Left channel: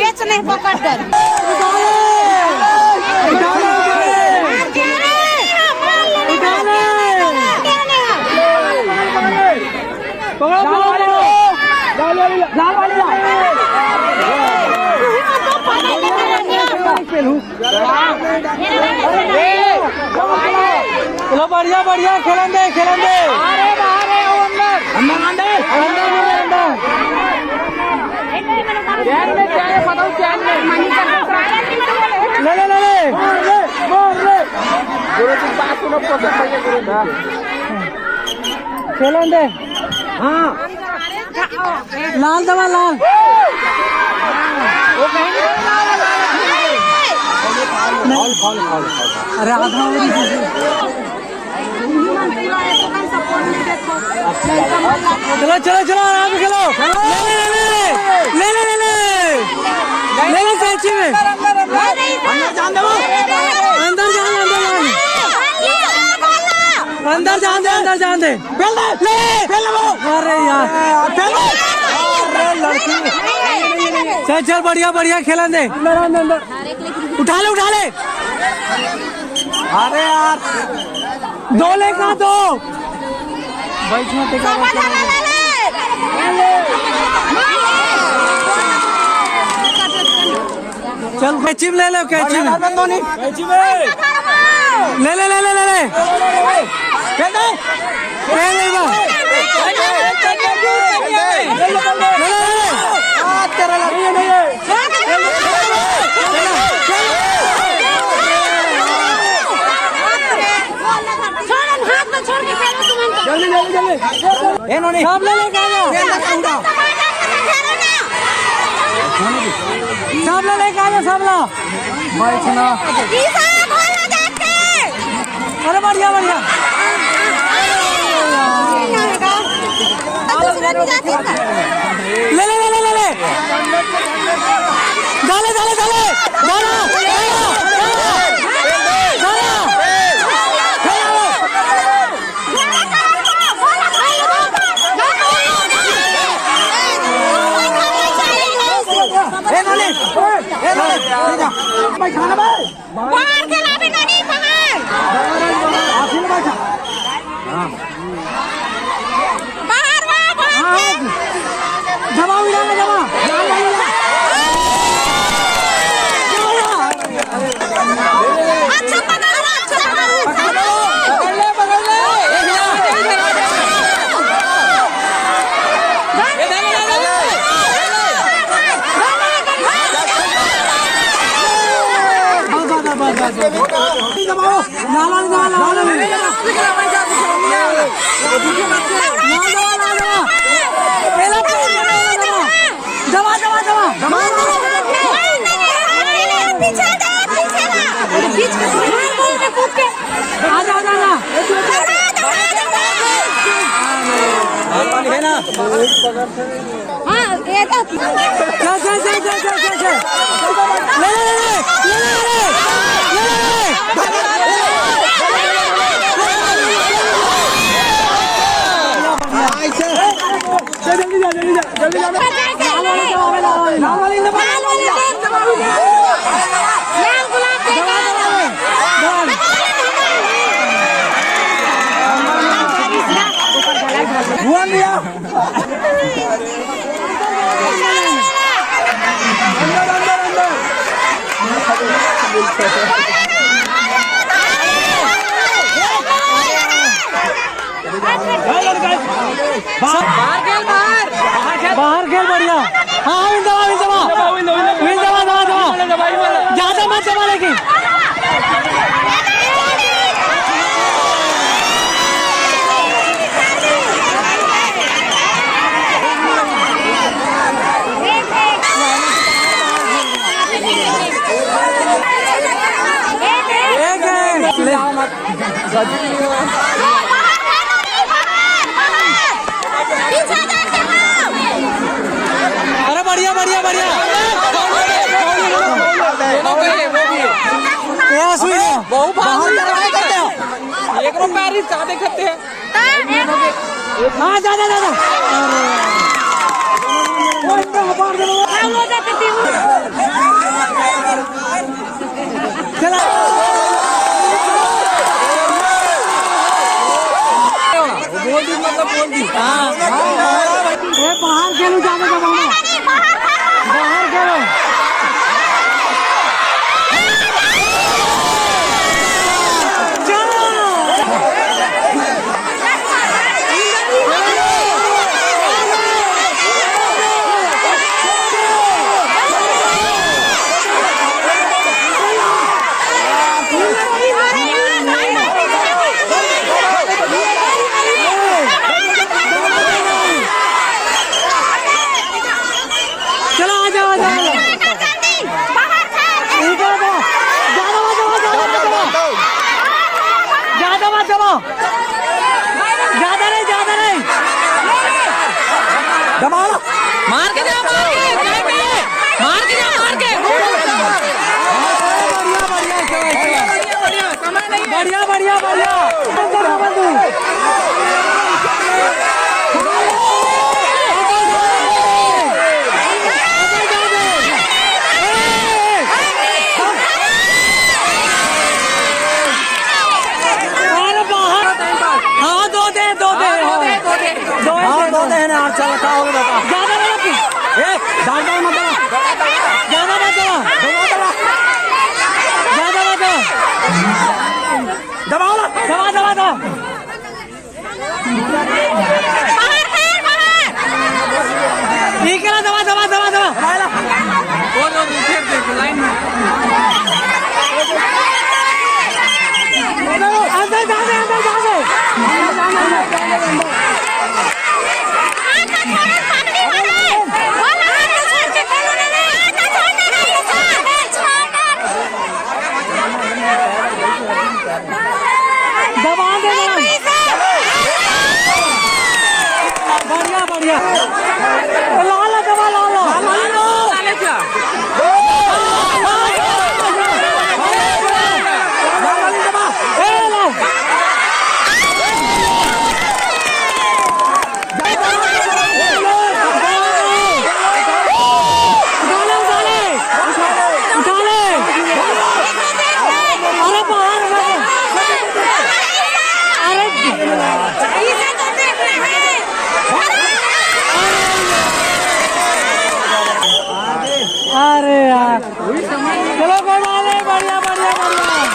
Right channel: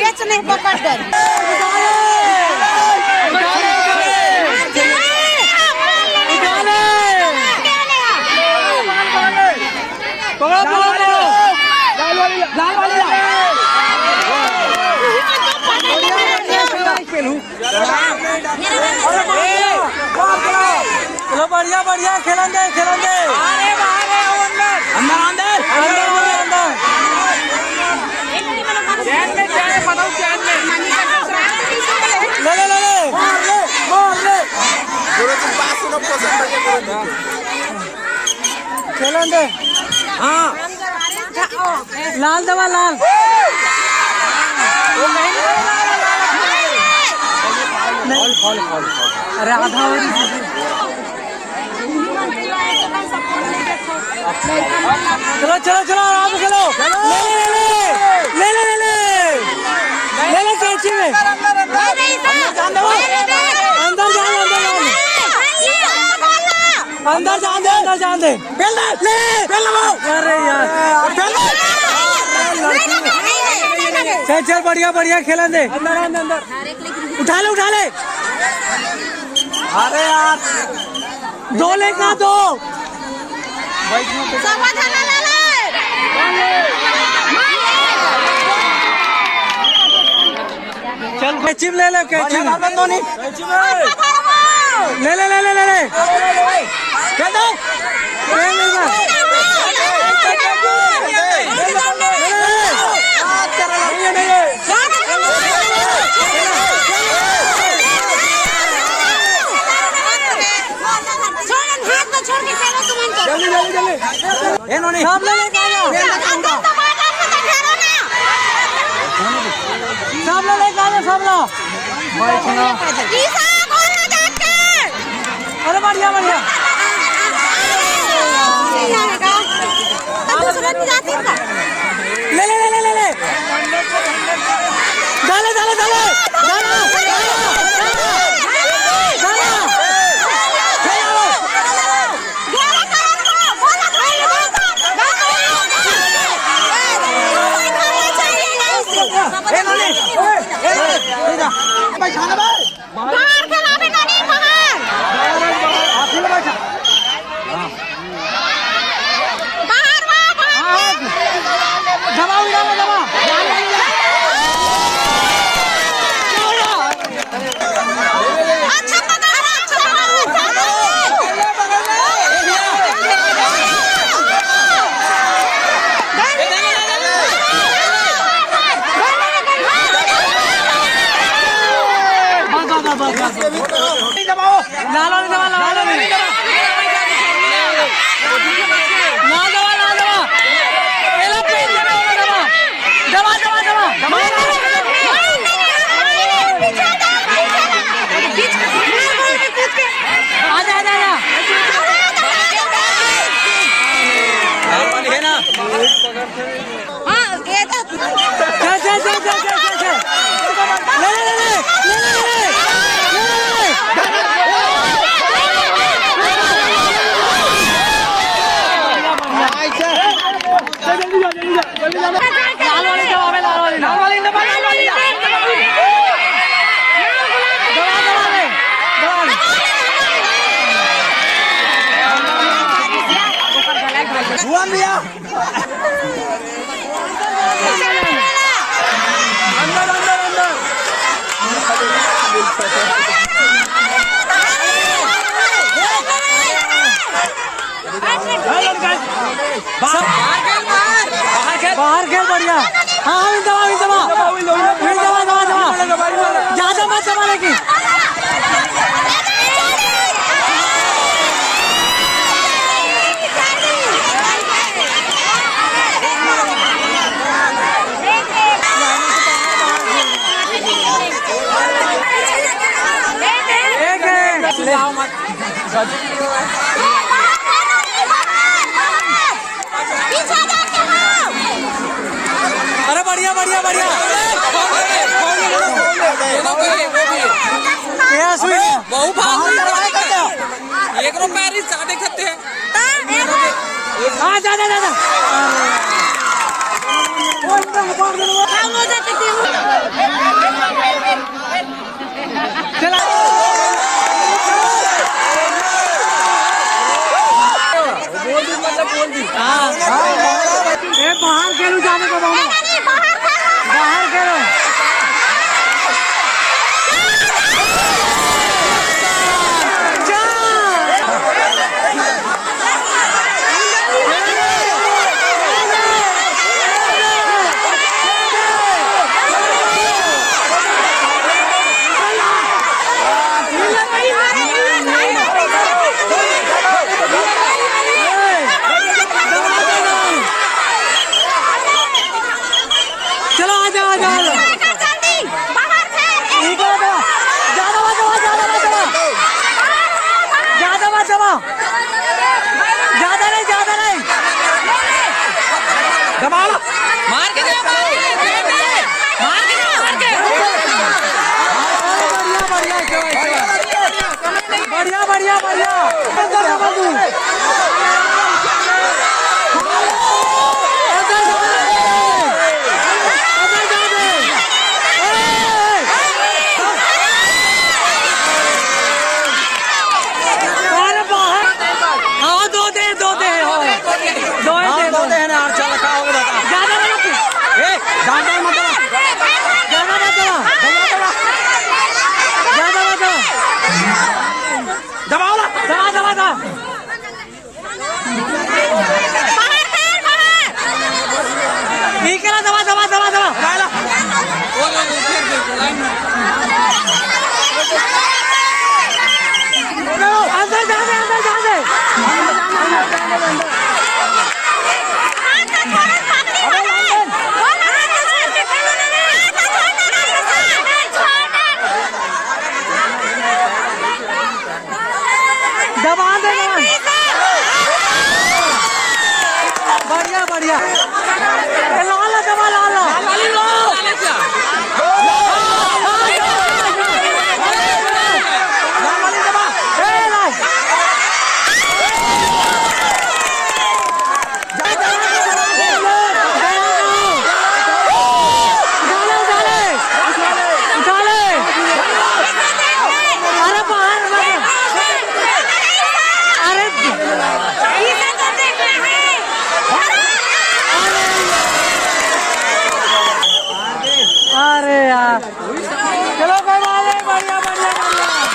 हेच नाही पकडत. चलो बढ़िया बढ़िया खेलन दे खेलन दे। हाँ लाल दवा लाल अरे आधा चलो चलो चलो आराम से खेलो। ले लो कैची में अंदर जान दे। अरे यार चल बढ़िया खेलन दे। उठा ले अरे यार दो ले कहाँ दो चल कैची ले लो कैची में ले अरे बढ़िया ले बाहर खेल बढ़िया। हाँ ज्यादा मत दबा लेकिन अरे बढ़िया बढ़िया बढ़िया बहुत एक रुपये सादे खत्ते हैं हाँ जा चला बोल दी मतलब बोल दी ये बाहर खेलो जाने का बाबा बाहर खेलो चलो आ जाओ ज्यादा नहीं मार के बढ़िया दबा ठीक है दबा अंदर जा दे दबा दे बढ़िया लाल दबा लाल अरे बाहर अरे यार चलो कोई बात नहीं बढ़िया